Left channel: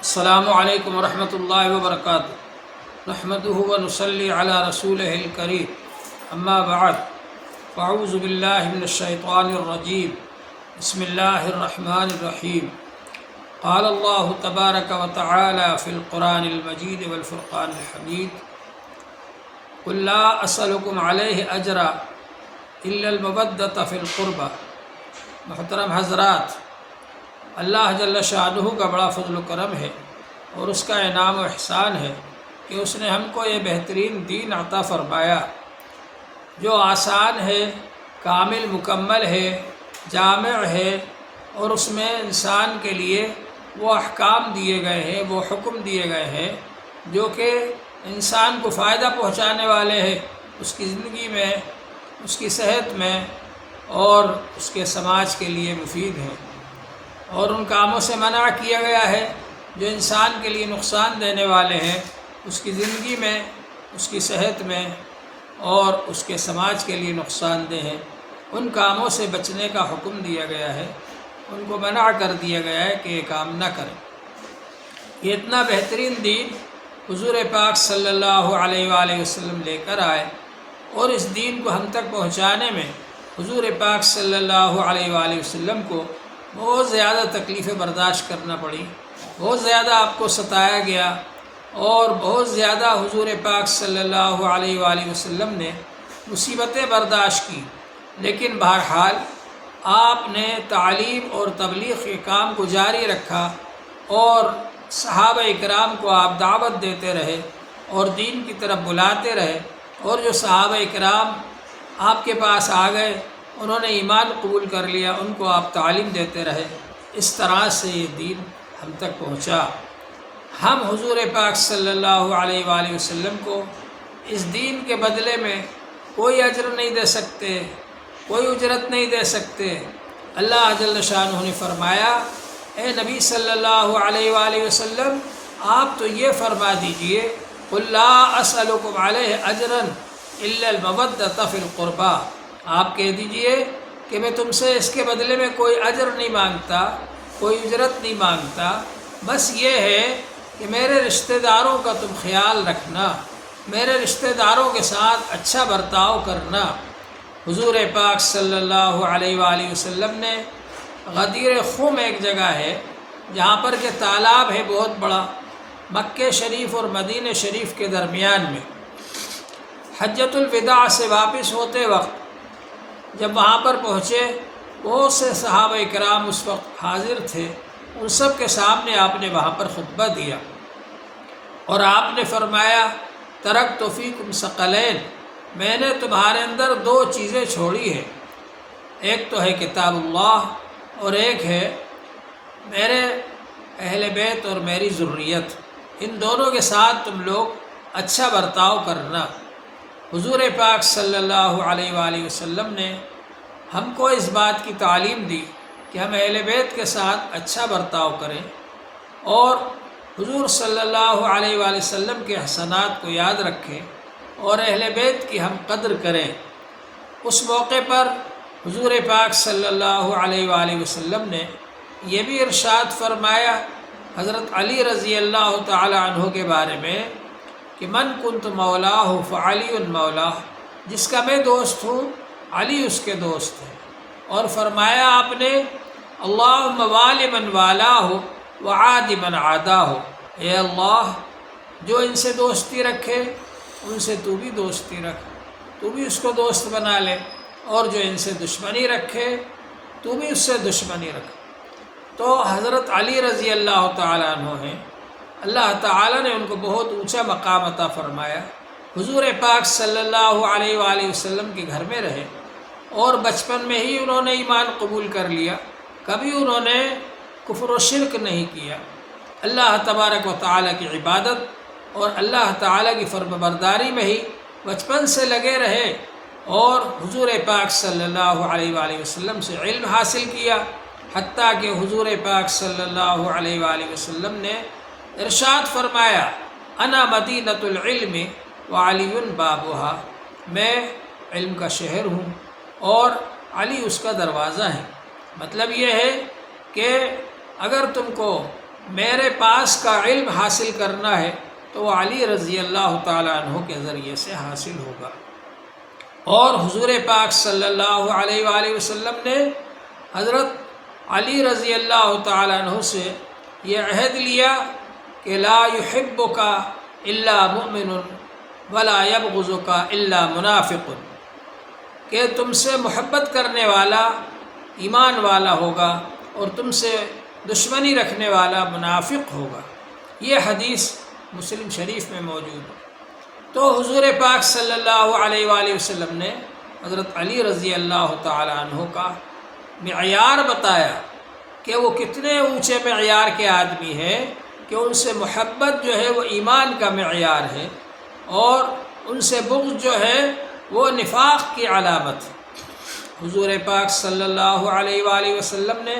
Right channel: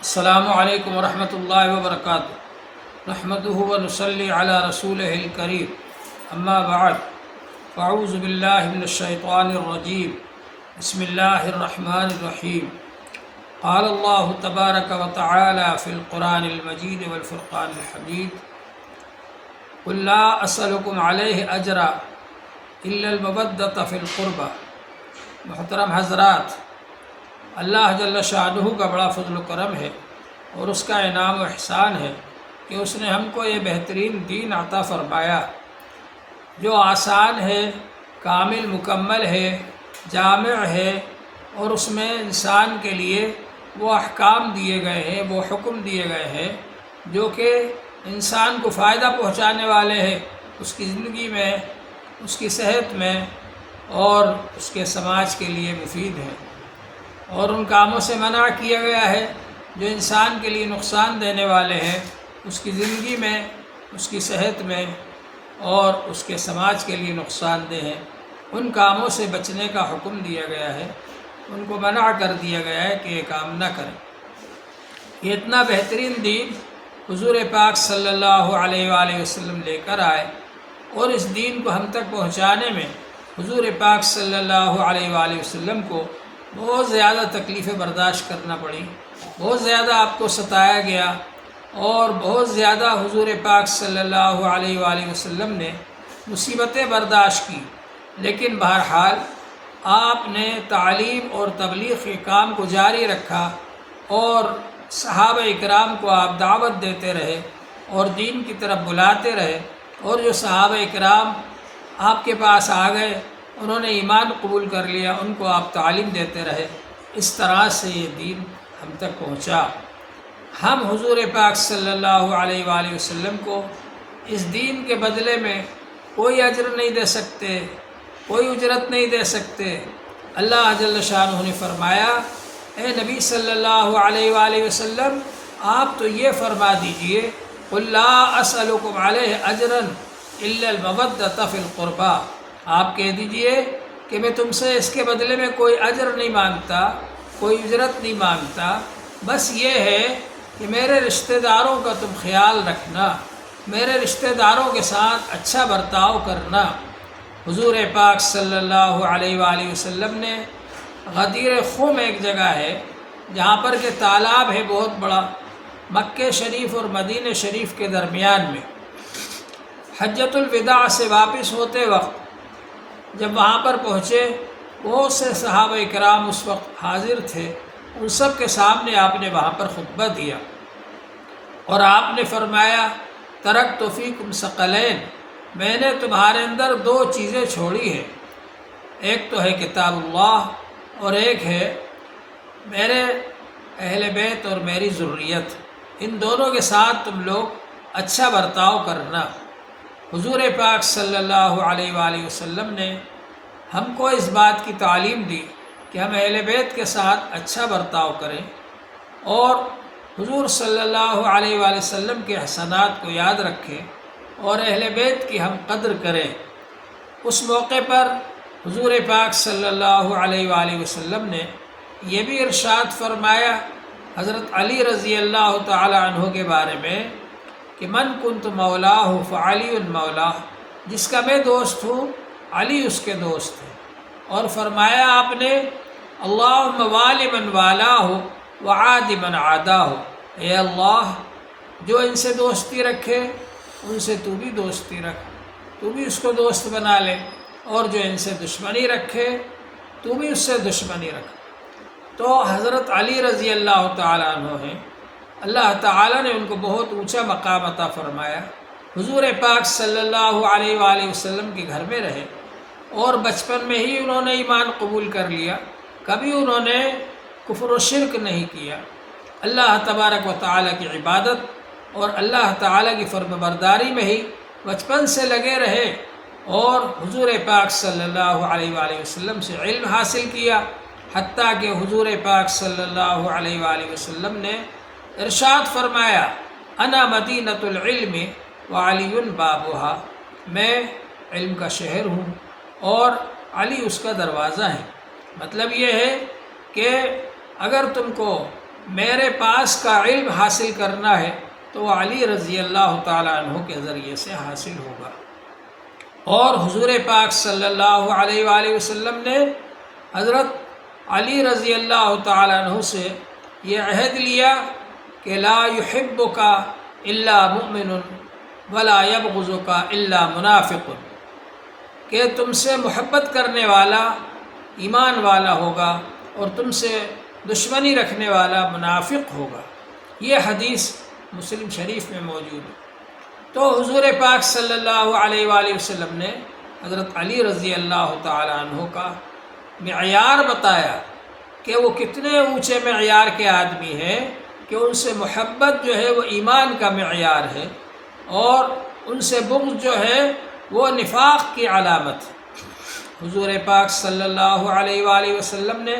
السلام علیکم ورحمۃ اللہ وبرکاتہ نحمده ونصلی علی رسولہ الکریم اما بعد فاعوذ باللہ من الشیطان الرجیم بسم اللہ الرحمن الرحیم قال اللہ تبارک وتعالی فی القرآن المجید والفرقان الحمید قل لا اسألکم علیہ اجرا الا المودۃ فی القربہ۔ محترم حضرات، اللہ جل شانہ کا بڑا فضل و کرم ہے اور اس کا انعام و احسان ہے کہ اس نے ہم کو یہ بہترین دین عطا فرمایا جو آسان ہے، کامل مکمل ہے، جامع ہے، اور اس میں انسان کے لیے وہ احکام دیے گئے ہیں، وہ حکم دیے گئے ہیں جو کہ انسان کو فائدہ پہنچانے والے ہیں، اس کی زندگی میں، اس کی صحت میں اور اس کے سماج کے لیے مفید ہیں، اور ان کاموں سے منع کیا گیا ہے جو انسان کے لیے نقصان دینے والے ہیں، اس کی زندگی میں، اس کی صحت میں اور اس کے سماج کے لیے نقصان دہ ہیں۔ ان کاموں سے بچنے کا حکم دیا گیا ہے، ان کو منع کر دیا گیا ہے کہ یہ کام نہ کریں۔ یہ اتنا بہترین دین حضور پاک صلی اللہ علیہ وآلہ وسلم لے کر آئے، اور اس دین کو ہم تک پہنچانے میں حضور پاک صلی اللہ علیہ وآلہ وسلم کو بہت زیادہ تکلیفیں برداشت کرنا پڑی، بہت زیادہ آپ کو ستایا گیا، اور بہت زیادہ حضور پاک صلی اللہ علیہ وآلہ وسلم نے مصیبتیں برداشت کی، لیکن بہرحال آپ نے تعلیم اور تبلیغ کے کام کو جاری رکھا، اور صحابہ اکرام کو آپ دعوت دیتے رہے اور دین کی طرف بلاتے رہے، اور جو صحابہ اکرام آپ کے پاس آ گئے انہوں نے ایمان قبول کر لیا، ان کو آپ تعلیم دیتے رہے۔ اس طرح سے یہ دین ہم تک پہنچا۔ ہم حضور پاک صلی اللہ علیہ وآلہ وسلم کو اس دین کے بدلے میں کوئی اجر نہیں دے سکتے، کوئی اجرت نہیں دے سکتے۔ اللہ جل شانہ نے فرمایا، اے نبی صلی اللہ علیہ وآلہ وسلم، آپ تو یہ فرما دیجئے، قل لا اسألکم علیہ اجرا الا المودۃ فی القربہ، آپ کہہ دیجئے کہ میں تم سے اس کے بدلے میں کوئی اجر نہیں مانگتا، کوئی اجرت نہیں مانگتا، بس یہ ہے کہ میرے رشتہ داروں کا تم خیال رکھنا، میرے رشتہ داروں کے ساتھ اچھا برتاؤ کرنا۔ حضور پاک صلی اللہ علیہ وآلہ وسلم نے غدیر خم ایک جگہ ہے جہاں پر کہ تالاب ہے بہت بڑا، مکہ شریف اور مدینہ شریف کے درمیان میں، حجۃ الوداع سے واپس ہوتے وقت جب وہاں پر پہنچے، بہت سے صحابہ کرام اس وقت حاضر تھے، ان سب کے سامنے آپ نے وہاں پر خطبہ دیا، اور آپ نے فرمایا، ترکت فیکم ثقلین، میں نے تمہارے اندر دو چیزیں چھوڑی ہیں، ایک تو ہے کتاب اللہ، اور ایک ہے میرے اہل بیت اور میری ذریت، ان دونوں کے ساتھ تم لوگ اچھا برتاؤ کرنا۔ حضور پاک صلی اللہ علیہ وآلہ وسلم نے ہم کو اس بات کی تعلیم دی کہ ہم اہل بیت کے ساتھ اچھا برتاؤ کریں، اور حضور صلی اللہ علیہ وآلہ وسلم کے حسنات کو یاد رکھیں، اور اہل بیت کی ہم قدر کریں۔ اس موقع پر حضور پاک صلی اللہ علیہ وآلہ وسلم نے یہ بھی ارشاد فرمایا حضرت علی رضی اللہ تعالی عنہ کے بارے میں کہ من کنت مولاہ فعلی مولاہ، جس کا میں دوست ہوں علی اس کے دوست ہیں، اور فرمایا آپ نے، اللہم والی من والاہ وعادی من عاداہ، اے اللہ جو ان سے دوستی رکھے ان سے تو بھی دوستی رکھ، تو بھی اس کو دوست بنا لے، اور جو ان سے دشمنی رکھے تو بھی اس سے دشمنی رکھ۔ تو حضرت علی رضی اللہ تعالیٰ عنہ ہیں، اللہ تعالیٰ نے ان کو بہت اونچا مقام عطا فرمایا، حضور پاک صلی اللہ علیہ وآلہ وسلم کے گھر میں رہے، اور بچپن میں ہی انہوں نے ایمان قبول کر لیا، کبھی انہوں نے کفر و شرک نہیں کیا، اللہ تبارک و تعالیٰ کی عبادت اور اللہ تعالیٰ کی فرم برداری میں ہی بچپن سے لگے رہے، اور حضور پاک صلی اللہ علیہ وآلہ وسلم سے علم حاصل کیا، حتیٰ کہ حضور پاک صلی اللہ علیہ وآلہ وسلم نے ارشاد فرمایا، انا مدینۃ العلم وعلی بابھا، میں علم کا شہر ہوں اور علی اس کا دروازہ ہے۔ مطلب یہ ہے کہ اگر تم کو میرے پاس کا علم حاصل کرنا ہے تو وہ علی رضی اللہ تعالیٰ عنہ کے ذریعے سے حاصل ہوگا۔ اور حضور پاک صلی اللہ علیہ وآلہ وسلم نے حضرت علی رضی اللہ تعالیٰ عنہ سے یہ عہد لیا کہ لا يحبک الا مؤمن ولا یبغضک الا منافق، کہ تم سے محبت کرنے والا ایمان والا ہوگا اور تم سے دشمنی رکھنے والا منافق ہوگا۔ یہ حدیث مسلم شریف میں موجود ہے۔ تو حضور پاک صلی اللہ علیہ وآلہ وسلم نے حضرت علی رضی اللہ تعالیٰ عنہ کا معیار بتایا کہ وہ کتنے اونچے معیار کے آدمی ہیں، کہ ان سے محبت جو ہے وہ ایمان کا معیار ہے، اور ان سے بغض جو ہے وہ نفاق کی علامت ہے۔ حضور پاک صلی اللہ علیہ وآلہ وسلم نے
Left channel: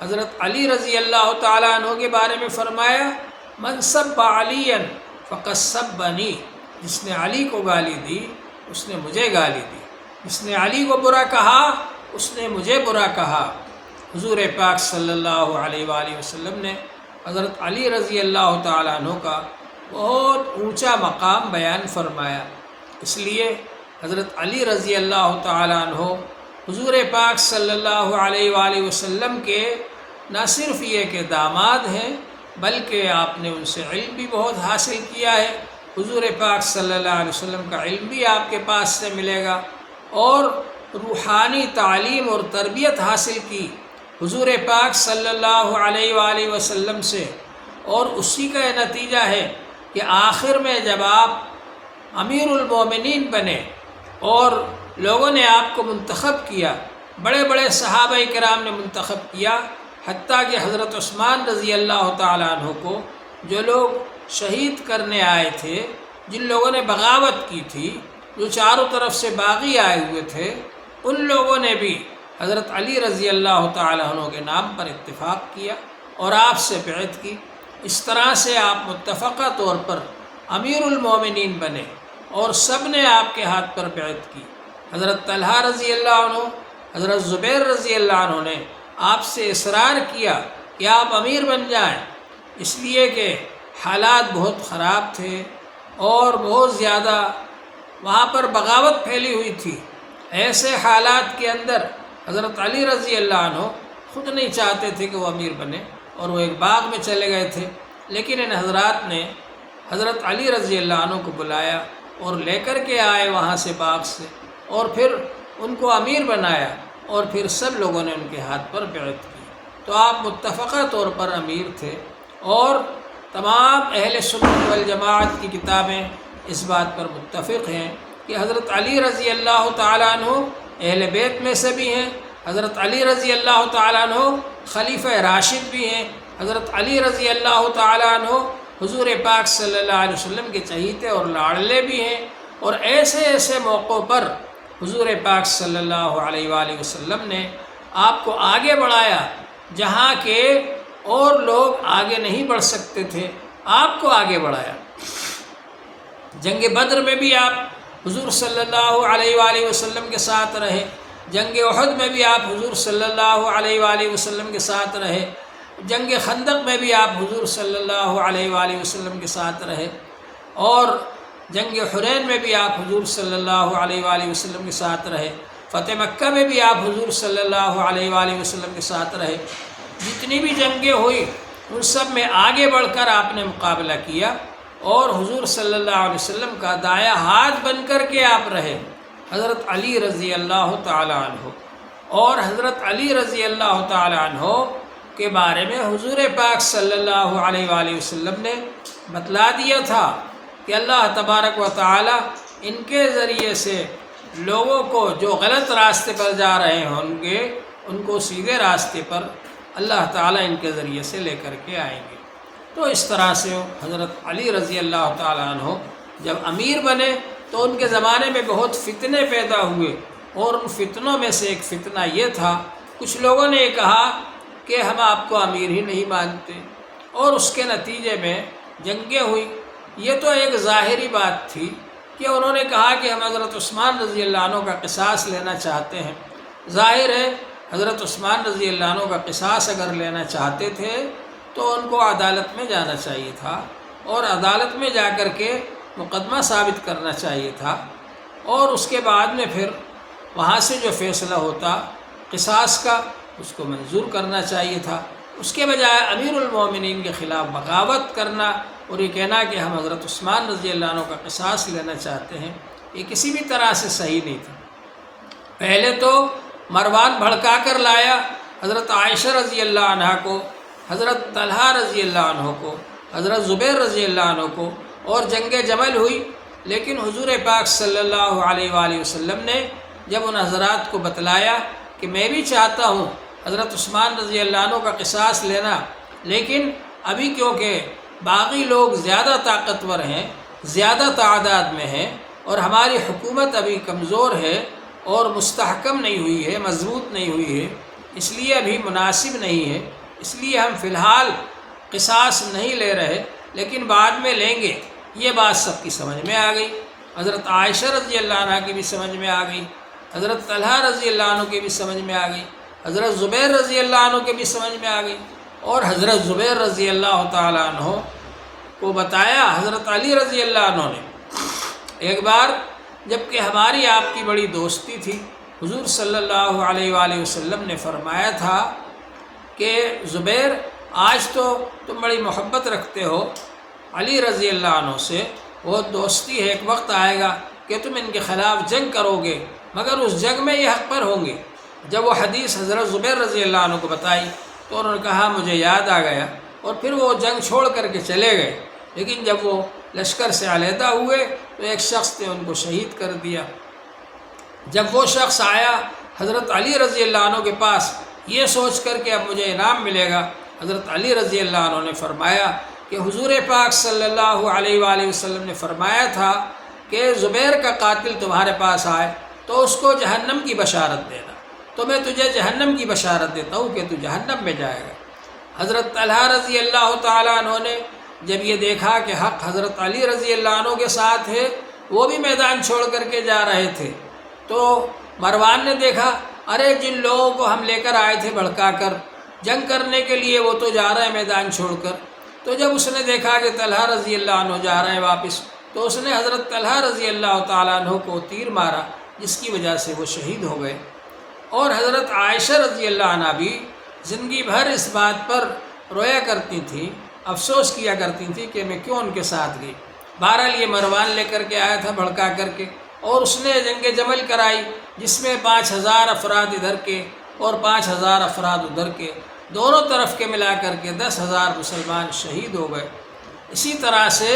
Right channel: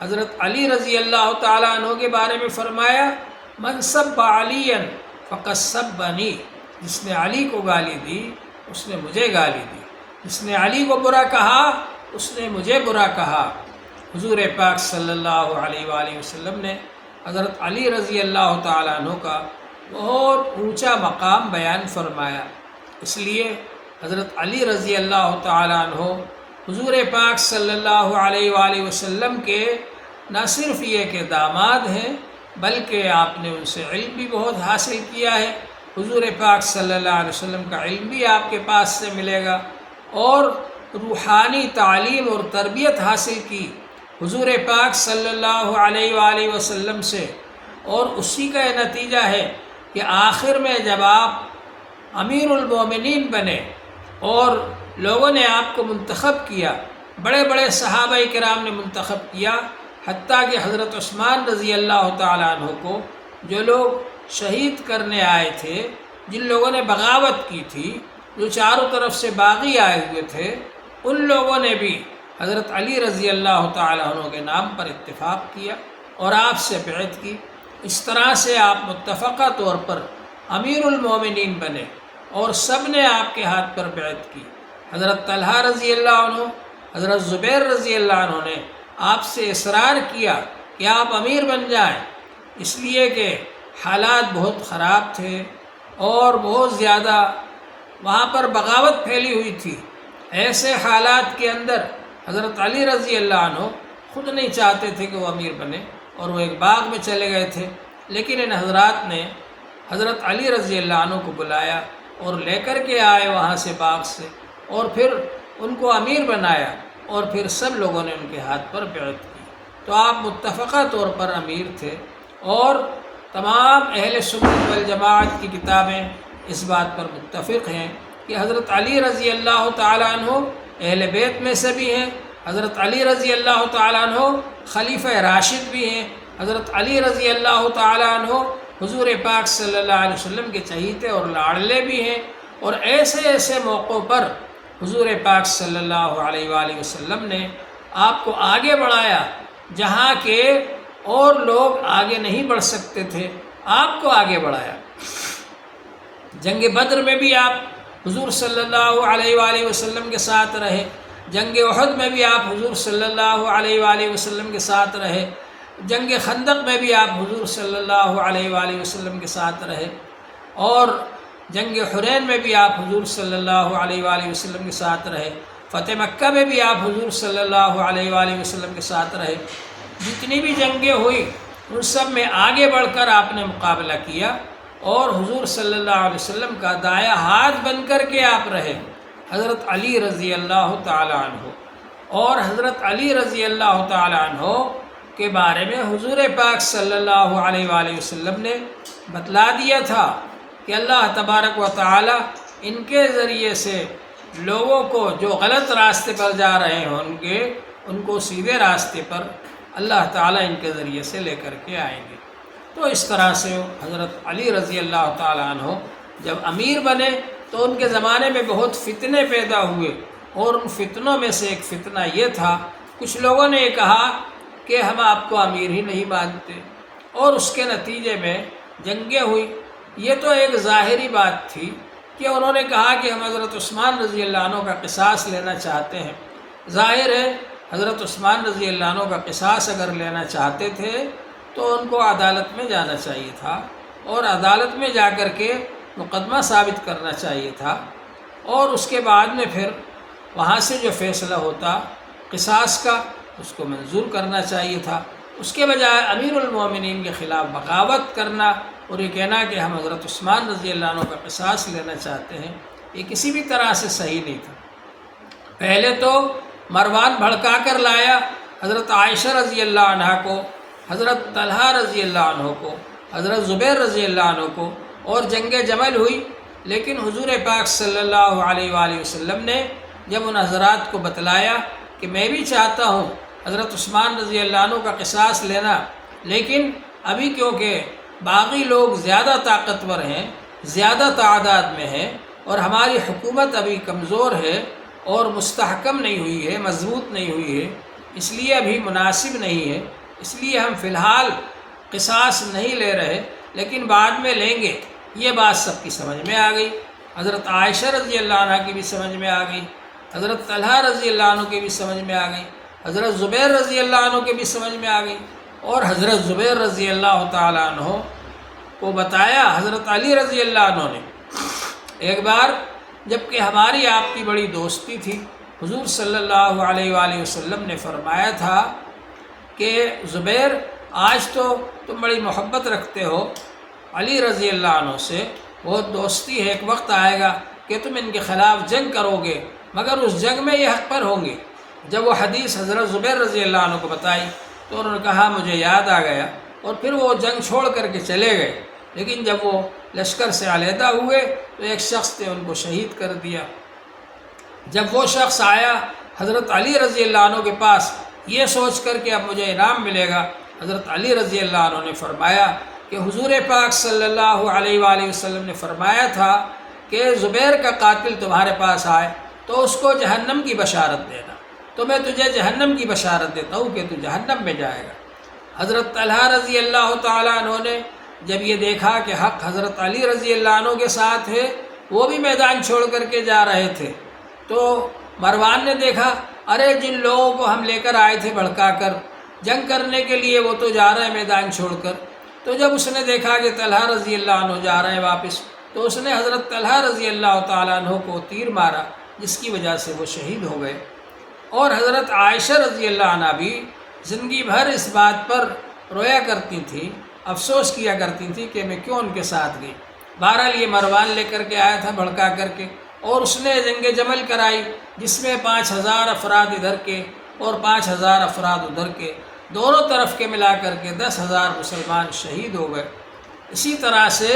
حضرت علی رضی اللہ تعالیٰ عنہ کے بارے میں فرمایا، من سب علی فقد سبنی، جس نے علی کو گالی دی اس نے مجھے گالی دی، جس نے علی کو برا کہا اس نے مجھے برا کہا۔ حضور پاک صلی اللہ علیہ وآلہ وسلم نے حضرت علی رضی اللہ تعالیٰ عنہ کا بہت اونچا مقام بیان فرمایا۔ اس لیے حضرت علی رضی اللہ تعالیٰ عنہ حضور پاک صلی اللہ علیہ وآلہ وسلم کے نہ صرف یہ کہ داماد ہیں، بلکہ آپ نے ان سے علم بھی بہت حاصل کیا ہے۔ حضور پاک صلی اللہ علیہ وسلم کا علم بھی آپ کے پاس سے ملے گا، اور روحانی تعلیم اور تربیت حاصل کی حضور پاک صلی اللہ علیہ وآلہ وسلم سے، اور اسی کا یہ نتیجہ ہے کہ آخر میں جب آپ امیر المومنین بنے اور لوگوں نے آپ کو منتخب کیا، بڑے بڑے صحابہ کرام نے منتخب کیا، حتیٰ کہ حضرت عثمان رضی اللہ تعالیٰ عنہ کو جو لوگ شہید کرنے آئے تھے، جن لوگوں نے بغاوت کی تھی، جو چاروں طرف سے باغی آئے ہوئے تھے، ان لوگوں نے بھی حضرت علی رضی اللہ تعالیٰ عنہ کے نام پر اتفاق کیا اور آپ سے بیعت کی۔ اس طرح سے آپ متفقہ طور پر امیر المومنین بنے اور سب نے آپ کے ہاتھ پر بیعت کی۔ حضرت طلحہ رضی اللہ عنہ، حضرت زبیر رضی اللہ عنہ نے آپ سے اصرار کیا کہ آپ امیر بن جائیں، اس لیے کہ حالات بہت خراب تھے اور بہت زیادہ وہاں پر بغاوت پھیلی ہوئی تھی۔ ایسے حالات کے اندر حضرت علی رضی اللہ عنہ خود نہیں چاہتے تھے کہ وہ امیر بنے، اور وہ ایک باغ میں چلے گئے تھے، لیکن ان حضرات نے حضرت علی رضی اللہ عنہ کو بلایا اور لے کر کے آئے وہاں سے باغ سے، اور پھر ان کو امیر بنایا، اور پھر سب لوگوں نے ان کے ہاتھ پر بیعت کی۔ تو آپ متفقہ طور پر امیر تھے، اور تمام اہل سنت والجماعت کی کتابیں اس بات پر متفق ہیں کہ حضرت علی رضی اللہ تعالیٰ عنہ اہل بیت میں سے بھی ہیں، حضرت علی رضی اللہ تعالیٰ عنہ خلیفہ راشد بھی ہیں، حضرت علی رضی اللہ تعالیٰ عنہ حضور پاک صلی اللہ علیہ وسلم کے چہیتے اور لاڑلے بھی ہیں، اور ایسے ایسے موقعوں پر حضور پاک صلی اللہ علیہ وآلہ وسلم نے آپ کو آگے بڑھایا، جہاں کہ اور لوگ آگے نہیں بڑھ سکتے تھے، آپ کو آگے بڑھایا۔ جنگ بدر میں بھی آپ حضور صلی اللہ علیہ وآلہ وسلم کے ساتھ رہے، جنگ احد میں بھی آپ حضور صلی اللہ علیہ وآلہ وسلم کے ساتھ رہے، جنگ خندق میں بھی آپ حضور صلی اللہ علیہ وآلہ وسلم کے ساتھ رہے، اور جنگ حنین میں بھی آپ حضور صلی اللہ علیہ وآلہ وسلم کے ساتھ رہے، فتح مکہ میں بھی آپ حضور صلی اللہ علیہ وآلہ وسلم کے ساتھ رہے۔ جتنی بھی جنگیں ہوئی ان سب میں آگے بڑھ کر آپ نے مقابلہ کیا، اور حضور صلی اللہ علیہ وسلم کا دایاں ہاتھ بن کر کے آپ رہے۔ حضرت علی رضی اللہ تعالیٰ عنہ، اور حضرت علی رضی اللہ تعالیٰ عنہ کے بارے میں حضور پاک صلی اللہ علیہ وآلہ وسلم نے بتلا دیا تھا کہ اللہ تبارک و تعالیٰ ان کے ذریعے سے لوگوں کو جو غلط راستے پر جا رہے ہوں گے ان کو سیدھے راستے پر اللہ تعالیٰ ان کے ذریعے سے لے کر کے آئیں گے۔ تو اس طرح سے حضرت علی رضی اللہ تعالیٰ عنہ جب امیر بنے تو ان کے زمانے میں بہت فتنے پیدا ہوئے، اور ان فتنوں میں سے ایک فتنہ یہ تھا، کچھ لوگوں نے یہ کہا کہ ہم آپ کو امیر ہی نہیں مانتے، اور اس کے نتیجے میں جنگیں ہوئی۔ یہ تو ایک ظاہری بات تھی کہ انہوں نے کہا کہ ہم حضرت عثمان رضی اللہ عنہ کا قصاص لینا چاہتے ہیں۔ ظاہر ہے حضرت عثمان رضی اللہ عنہ کا قصاص اگر لینا چاہتے تھے تو ان کو عدالت میں جانا چاہیے تھا اور عدالت میں جا کر کے مقدمہ ثابت کرنا چاہیے تھا، اور اس کے بعد میں پھر وہاں سے جو فیصلہ ہوتا قصاص کا اس کو منظور کرنا چاہیے تھا۔ اس کے بجائے امیر المومنین کے خلاف بغاوت کرنا اور یہ کہنا کہ ہم حضرت عثمان رضی اللہ عنہ کا قصاص لینا چاہتے ہیں، یہ کسی بھی طرح سے صحیح نہیں تھا۔ پہلے تو مروان بھڑکا کر لایا حضرت عائشہ رضی اللہ عنہ کو، حضرت طلحہ رضی اللہ عنہ کو، حضرت زبیر رضی اللہ عنہ کو، اور جنگ جمل ہوئی، لیکن حضور پاک صلی اللہ علیہ وآلہ وسلم نے جب ان حضرات کو بتلایا کہ میں بھی چاہتا ہوں حضرت عثمان رضی اللہ عنہ کا قصاص لینا، لیکن ابھی کیونکہ باقی لوگ زیادہ طاقتور ہیں، زیادہ تعداد میں ہیں، اور ہماری حکومت ابھی کمزور ہے اور مستحکم نہیں ہوئی ہے، مضبوط نہیں ہوئی ہے، اس لیے ابھی مناسب نہیں ہے، اس لیے ہم فی الحال قصاص نہیں لے رہے، لیکن بعد میں لیں گے۔ یہ بات سب کی سمجھ میں آ گئی، حضرت عائشہ رضی اللہ عنہ کی بھی سمجھ میں آ گئی، حضرت طلحہ رضی اللہ عنہ کی بھی سمجھ میں آ گئی، حضرت زبیر رضی اللہ عنہ کی بھی سمجھ میں آ گئی، اور حضرت زبیر رضی اللہ تعالیٰ عنہ کو بتایا حضرت علی رضی اللہ عنہ نے۔ ایک بار جب کہ ہماری آپ کی بڑی دوستی تھی، حضور صلی اللہ علیہ وآلہ وسلم نے فرمایا تھا کہ زبیر آج تو تم بڑی محبت رکھتے ہو علی رضی اللہ عنہ سے، بہت دوستی ہے، ایک وقت آئے گا کہ تم ان کے خلاف جنگ کرو گے، مگر اس جنگ میں یہ حق پر ہوں گے۔ جب وہ حدیث حضرت زبیر رضی اللہ عنہ کو بتائی تو انہوں نے کہا مجھے یاد آ گیا، اور پھر وہ جنگ چھوڑ کر کے چلے گئے، لیکن جب وہ لشکر سے علیحدہ ہوئے تو ایک شخص نے ان کو شہید کر دیا۔ جب وہ شخص آیا حضرت علی رضی اللہ عنہ کے پاس یہ سوچ کر کہ اب مجھے انعام ملے گا، حضرت علی رضی اللہ عنہ نے فرمایا کہ حضور پاک صلی اللہ علیہ وآلہ وسلم نے فرمایا تھا کہ زبیر کا قاتل تمہارے پاس آئے تو اس کو جہنم کی بشارت دینا، تو میں تجھے جہنم کی بشارت دیتا ہوں کہ تو جہنم میں جائے گا۔ حضرت طلحہ رضی اللہ تعالیٰ عنہ نے جب یہ دیکھا کہ حق حضرت علی رضی اللہ عنہ کے ساتھ ہے، وہ بھی میدان چھوڑ کر کے جا رہے تھے، تو مروان نے دیکھا ارے جن لوگوں کو ہم لے کر آئے تھے بھڑکا کر جنگ کرنے کے لیے وہ تو جا رہے ہیں میدان چھوڑ کر۔ تو جب اس نے دیکھا کہ طلحہ رضی اللہ عنہ جا رہے ہیں واپس، تو اس نے حضرت طلحہ رضی اللہ تعالیٰ عنہ کو تیر مارا، جس کی وجہ سے وہ شہید ہو گئے۔ اور حضرت عائشہ رضی اللہ عنہ بھی زندگی بھر اس بات پر رویا کرتی تھیں، افسوس کیا کرتی تھیں کہ میں کیوں ان کے ساتھ گئی۔ بہرحال یہ مروان لے کر کے آیا تھا بھڑکا کر کے، اور اس نے جنگ جمل کرائی، جس میں 5000 افراد ادھر کے اور 5000 افراد ادھر کے، دونوں طرف کے ملا کر کے 10,000 مسلمان شہید ہو گئے۔ اسی طرح سے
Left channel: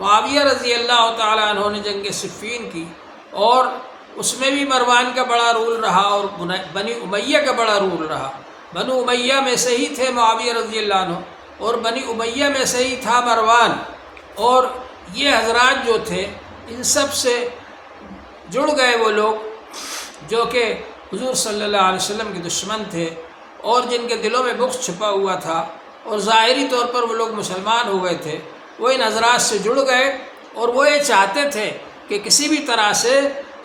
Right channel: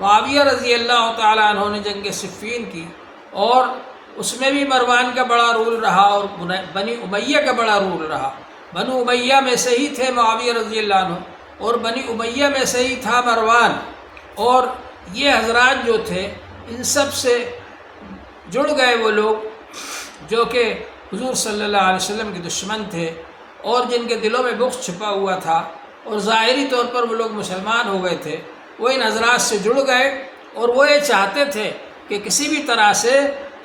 معاویہ رضی اللہ تعالیٰ عنہ نے جنگ صفین کی، اور اس میں بھی مروان کا بڑا رول رہا اور بنی امیہ کا بڑا رول رہا۔ بنو امیہ میں سے ہی تھے معاویہ رضی اللہ عنہ، اور بنی امیہ میں سے ہی تھا مروان، اور یہ حضرات جو تھے ان سب سے جڑ گئے وہ لوگ جو کہ حضور صلی اللہ علیہ وسلم کے دشمن تھے، اور جن کے دلوں میں بغض چھپا ہوا تھا، اور ظاہری طور پر وہ لوگ مسلمان ہو گئے تھے، وہ ان حضرات سے جڑ گئے، اور وہ یہ چاہتے تھے کہ کسی بھی طرح سے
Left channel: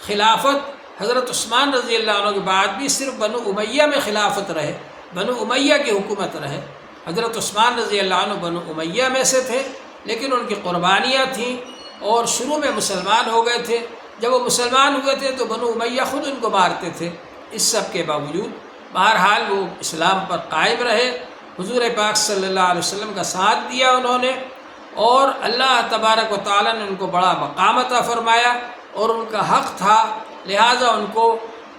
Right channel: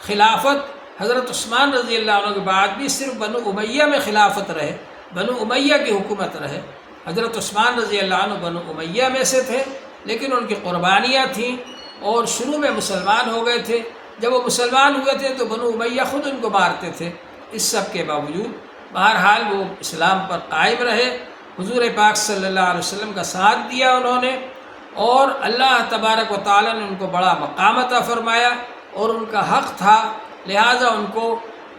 خلافت حضرت عثمان رضی اللہ عنہ کے بعد بھی صرف بنو امیہ میں خلافت رہے، بنو امیہ کی حکومت رہے۔ حضرت عثمان رضی اللہ عنہ بنو امیہ میں سے تھے، لیکن ان کی قربانیاں تھیں، اور شروع میں مسلمان ہو گئے تھے۔ جب وہ مسلمان ہوئے تھے تو بنو امیہ خود ان کو مارتے تھے۔ اس سب کے باوجود بہرحال وہ اسلام پر قائم رہے، حضور پاک صلی اللہ علیہ وسلم کا ساتھ دیا انہوں نے، اور اللہ تبارک و تعالیٰ نے ان کو بڑا مقام عطا فرمایا، اور ان کا حق تھا، لہٰذا ان کو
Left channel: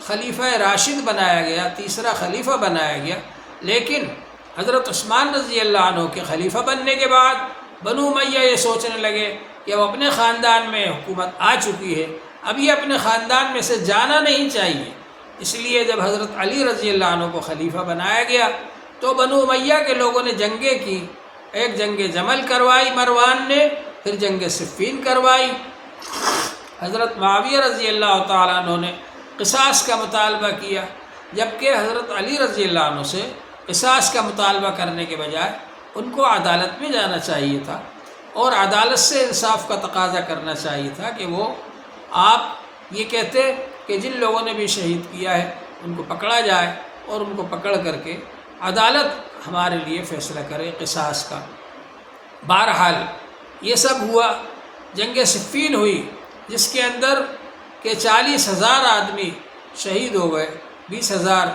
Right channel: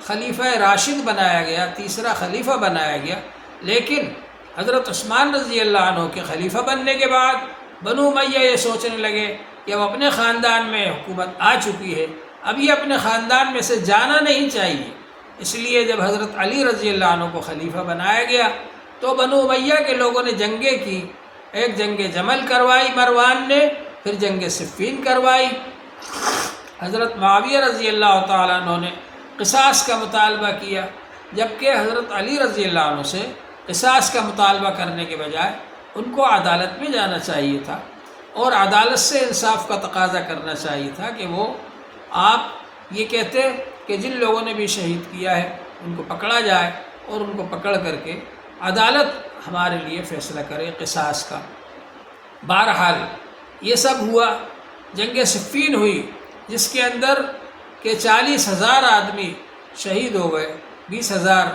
خلیفہ راشد بنایا گیا، تیسرا خلیفہ بنایا گیا۔ لیکن حضرت عثمان رضی اللہ عنہ کے خلیفہ بننے کے بعد بنو امیہ یہ سوچنے لگے کہ اب اپنے خاندان میں حکومت آ چکی ہے، اب یہ اپنے خاندان میں سے جانا نہیں چاہیے۔ اس لیے جب حضرت علی رضی اللہ عنہ کو خلیفہ بنایا گیا تو بنو امیہ کے لوگوں نے جنگیں کی، ایک جنگ جمل کروائی مروان نے، پھر جنگ صفین کروائی۔ حضرت معاویہ رضی اللہ تعالیٰ عنہ نے قصاص کا مطالبہ کیا، جبکہ حضرت علی رضی اللہ عنہ سے قصاص کا مطالبہ کرنے کے بجائے ان کو عدالت میں جانا چاہیے تھا، اور عدالت سے انصاف کا تقاضا کرنا چاہیے تھا کہ وہ آپ یہ کہتے کہ جن لوگوں نے بھی شہید کیا ہے ان کو پکڑا جائے، اور ان کو پکڑ کر کے عدالت ہمارے لیے فیصلہ کرے قصاص کا۔ بہرحال یہ سب ہوا، جنگ صفین ہوئی جس کے اندر کہ 40,000 آدمی شہید ہو گئے، 20,000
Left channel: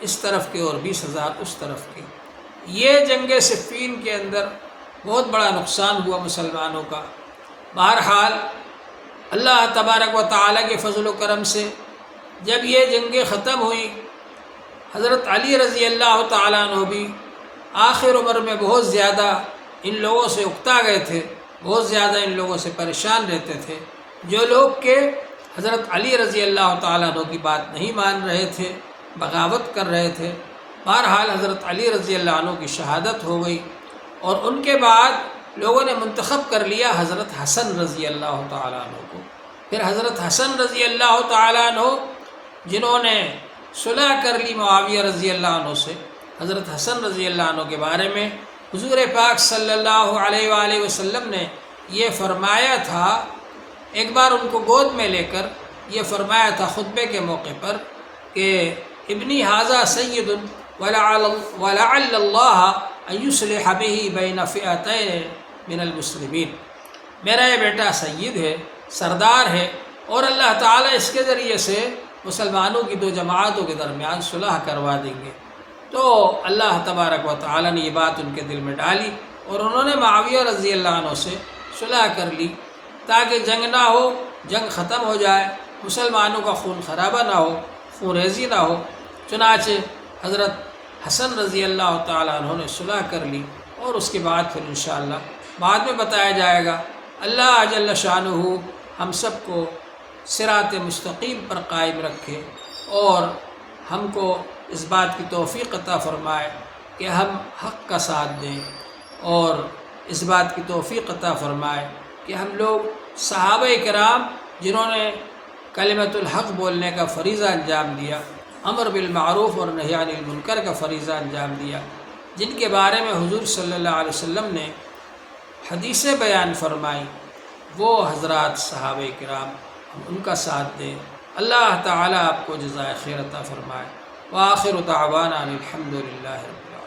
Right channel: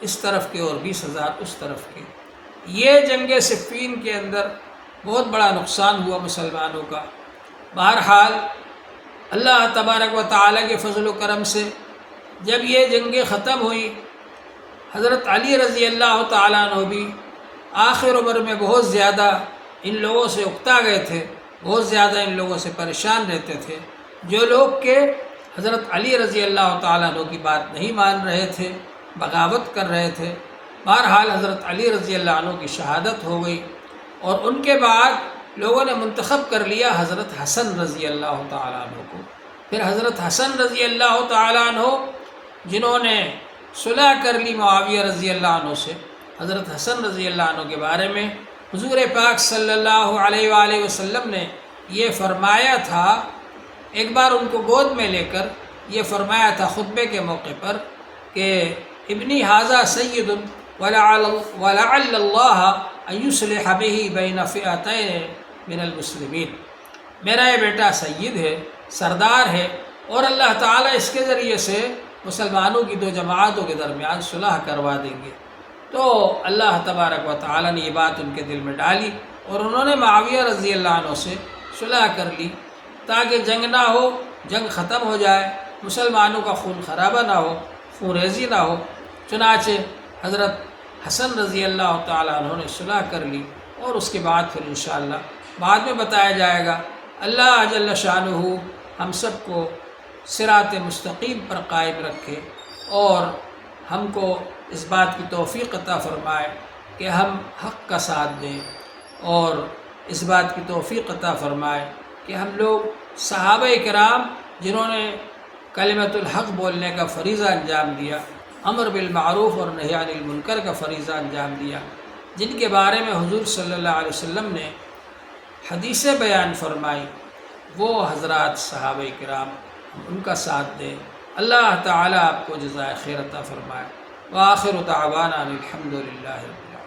اس طرف کے اور 20,000 اس طرف کے۔ یہ جنگ صفین کے اندر بہت بڑا نقصان ہوا مسلمانوں کا۔ بہرحال اللہ تبارک و تعالیٰ کے فضل و کرم سے جب یہ جنگیں ختم ہوئیں، حضرت علی رضی اللہ تعالیٰ عنہ بھی آخر عمر میں بہت زیادہ ان لوگوں سے اکتا گئے تھے، بہت زیادہ ان لوگوں سے پریشان رہتے تھے، جو لوگ کہ حضرت علی رضی اللہ تعالیٰ عنہ کی بات نہیں مان رہے تھے، بغاوت کر رہے تھے۔ بہرحال حضرت علی رضی اللہ عنہ کی شہادت ہو گئی، اور ان کے بعد لوگوں نے منتخب کر لیا حضرت حسن رضی اللہ تعالیٰ عنہ کو۔ پھر حضرت حسن رضی اللہ تعالیٰ عنہ جنہوں نے صلح کر لی معاویہ رضی اللہ عنہ سے، حضرت حسن رضی اللہ عنہ کے بارے میں حضور پاک صلی اللہ علیہ وآلہ وسلم نے یہ فرمایا تھا، ایک بار ان کو گود میں لے کر یہ فرمایا تھا خطبے کے موقع پر کہ ابنی ھذا سید ولعل اللہ ان یصلح بہ بین فئتین من المسلمین، میرا یہ بیٹا سید ہے، سردار ہے، اور اللہ تعالیٰ اس کے ذریعے سے مسلمانوں کی دو جماعتوں کے درمیان صلح کروا دیں گے۔ تو اللہ تبارک و تعالیٰ نے یہ بات ان کے دل میں ڈالی، اور انہوں نے معاویہ رضی اللہ عنہ سے صلح کر لی تاکہ جنگ نہ ہو، جنگ ختم ہو جائے، مسلمانوں کا خون خرابہ نہ ہو، خون ریزی نہ ہو۔ چنانچہ حضرت حسن رضی اللہ تعالیٰ عنہ نے صلح کر لی، اور اس کے بعد پھر انشاءاللہ بعد میں بتایا جائے گا۔ اللہ جل شانہ ہم سب کو صراط مستقیم پر قائم رکھے، اور ہم کو اس بات کی توفیق عطا فرمائے کہ ہم حق کا ساتھ دیں، اور اس بات کی توفیق عطا فرمائے کہ ہم لوگ صحابہ کرام جنہوں نے کلمۃ الحق بولنے کا فریضہ انجام دیا، امر بالمعروف اور نہی عن المنکر کا فریضہ انجام دیا، جن کے بارے میں حضور صلی اللہ علیہ وسلم نے حدیثیں بیان فرمائی، وہ حضرات صحابہ کرام، ہم ان کا ساتھ دیں۔ اللہ تعالیٰ آپ کو جزائے خیر عطا فرمائے۔ وآخر دعوانا الحمد للہ رب العالمین۔